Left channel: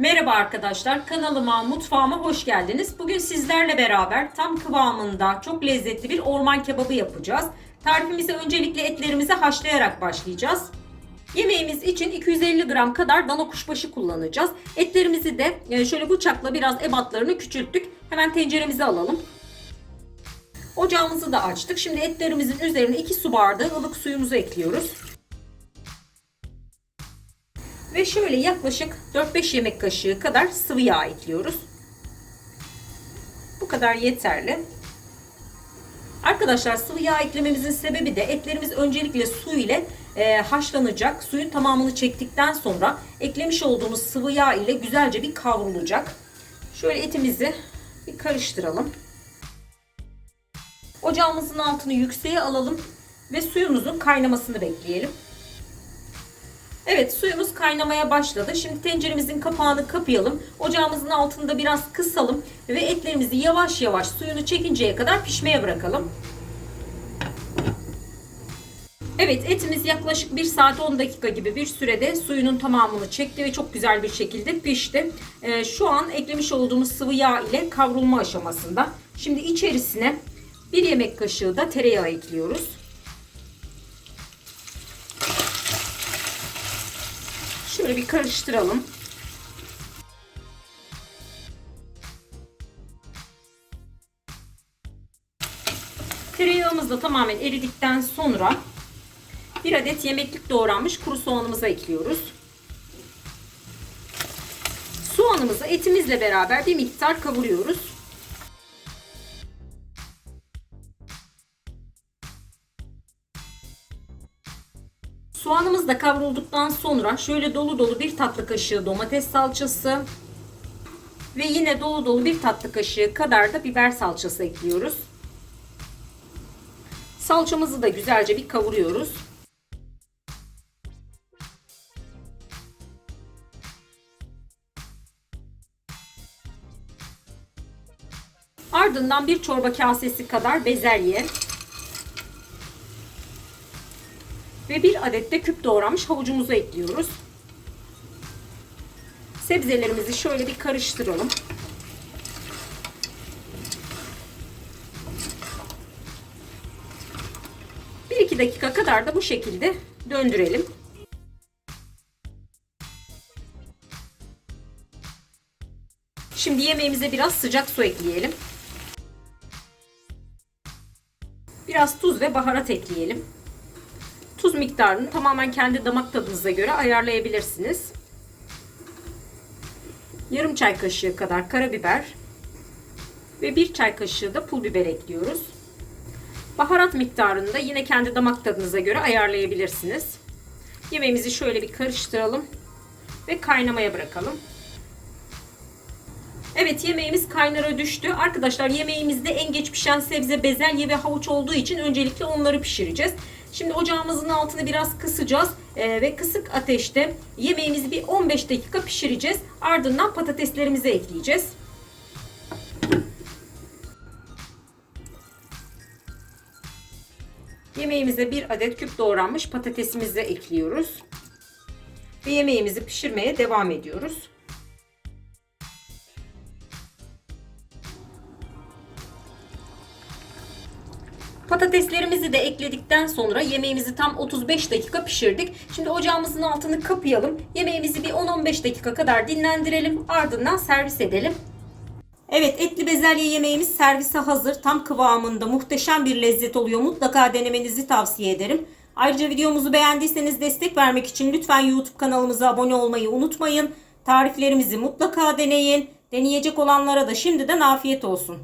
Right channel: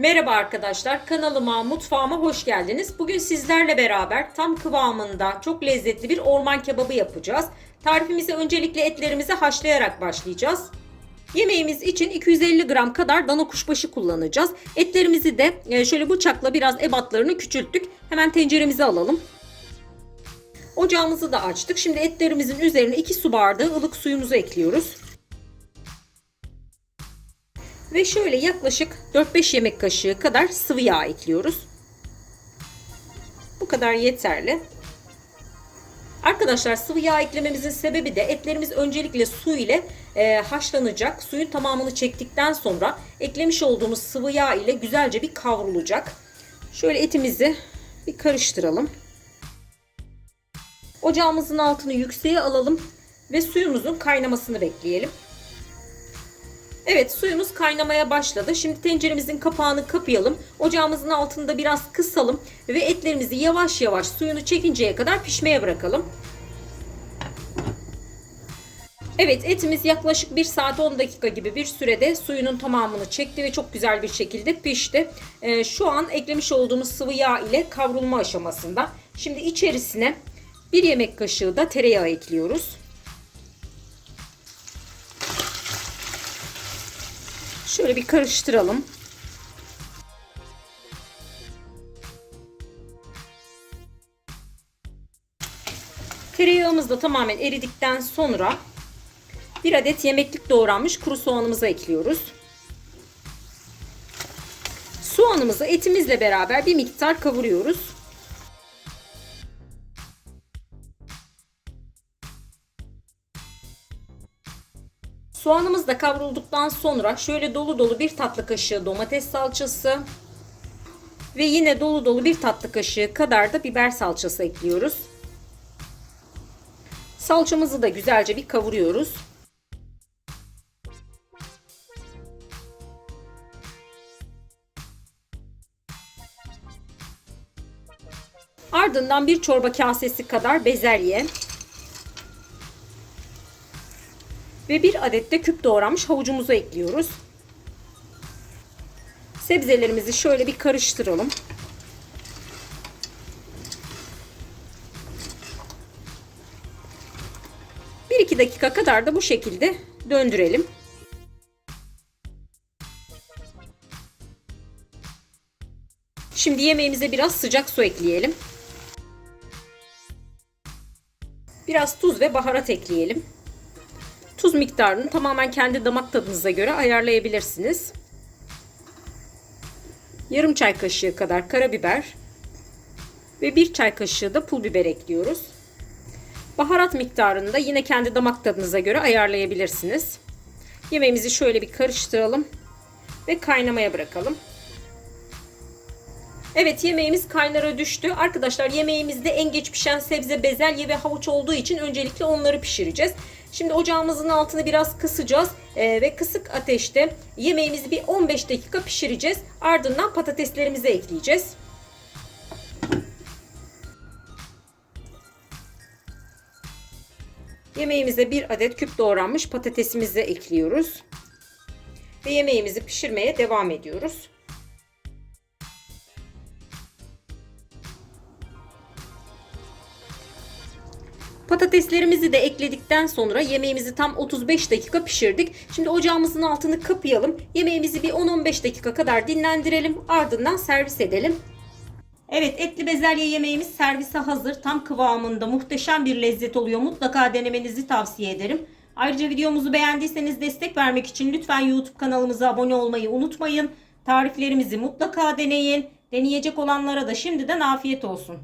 Merhaba arkadaşlar, kanalıma, mutfağıma hoş geldiniz. Bugün sizlerle beraber tam kıvamında çok lezzetli bir orman kebabı yapacağız. Tarifimize öncelikle etlerimizi haşlayarak başlayacağız. Yemeğimiz için 250 gram kadar dana kuşbaşı kullanacağız. Etlerimizi de şöyle bıçakla biraz ebatlarını küçülttük. Hemen tenceremize alalım. Ocağımızı da açtık. Şimdi etlerimizin üzerine 2 su bardağı ılık suyumuzu ekliyoruz. Ve şöyle yaklaşık 4-5 yemek kaşığı kadar sıvı yağ ekliyoruz. Bu kadar yeterli. Arkadaşlar sıvı yağ eklememizin sebebi de etlerimiz öncelikle su ile haşlanacak. Suyun tamamını çektikten sonra eklemiş olduğumuz sıvı yağ ile güzelce bir kavrulacak. Şöyle etimizi bir karıştıralım. Ocağımızın altını yükseğe alalım ve suyumuzun kaynamasını bekleyelim. Evet, suyumuz kaynamaya başladı. Şimdi tenceremizin kapağını kapayalım. Ocağımızın altında biraz kısalım ve etlerimizi yavaş yavaş suyunu çekinceye kadar pişmeye bırakalım. Evet, etimiz yaklaşık 1 saat 10 dakika gibi bir sürede suyunun tamamını çekti ve çok güzel bir şekilde pişti. Şu an eklemiş olduğumuz sıvı yağ ile kavrulma aşamasında. Şimdi içerisine 1 yemek kaşığı da tereyağı ekliyoruz. Şöyle bir karıştıralım. Tereyağımız da tamamen eridikten sonra 1 adet yemeklik doğranmış kuru soğanımızı ekliyoruz. Soğanımızı etimizle beraber bir miktar kavuruyoruz. Soğanımız da kavrulduktan sonra şöyle dolu dolu 1 tatlı kaşığı domates salçası ve yine dolu dolu 1 tatlı kaşığı kadar da biber salçası ekliyoruz. Salçamızı da güzelce bir kavuruyoruz. Ardından 1 çorba kasesi kadar bezelye ve 1 adet de küp doğranmış havucumuzu ekliyoruz. Sebzelerimizi şöyle bir karıştıralım. Bir iki dakika kadar da bu şekilde döndürelim. Şimdi yemeğimize biraz sıcak su ekleyelim. Biraz tuz ve baharat ekleyelim. Tuz miktarını tamamen kendi damak tadınıza göre ayarlayabilirsiniz. Yarım çay kaşığı kadar karabiber ve 1 çay kaşığı da pul biber ekliyoruz. Baharat miktarını da yine kendi damak tadınıza göre ayarlayabilirsiniz. Yemeğimizi şöyle bir karıştıralım ve kaynamaya bırakalım. Evet, yemeğimiz kaynara düştü. Arkadaşlar yemeğimizde en geç pişen sebze bezelye ve havuç olduğu için öncelikle onları pişireceğiz. Şimdi ocağımızın altını biraz kısacağız ve kısık ateşte yemeğimizi bir 15 dakika pişireceğiz. Ardından patateslerimizi ekleyeceğiz. Yemeğimize 1 adet küp doğranmış patatesimizi ekliyoruz. Ve yemeğimizi pişirmeye devam ediyoruz. Patateslerimizi de ekledikten sonra yemeğimizi tam 35 dakika pişirdik. Şimdi ocağımızın altını kapayalım. Yemeğimizi bir 10-15 dakika kadar dinlendirelim. Ardından servis edelim. Evet, etli bezelye yemeğimiz servise hazır. Tam kıvamında muhteşem bir lezzet oluyor. Mutlaka denemenizi tavsiye ederim. Ayrıca videomuzu beğendiyseniz destek vermek için lütfen YouTube kanalımıza abone olmayı unutmayın. Tariflerimizi mutlaka deneyin. Deneyecek olanlara da şimdiden afiyet olsun.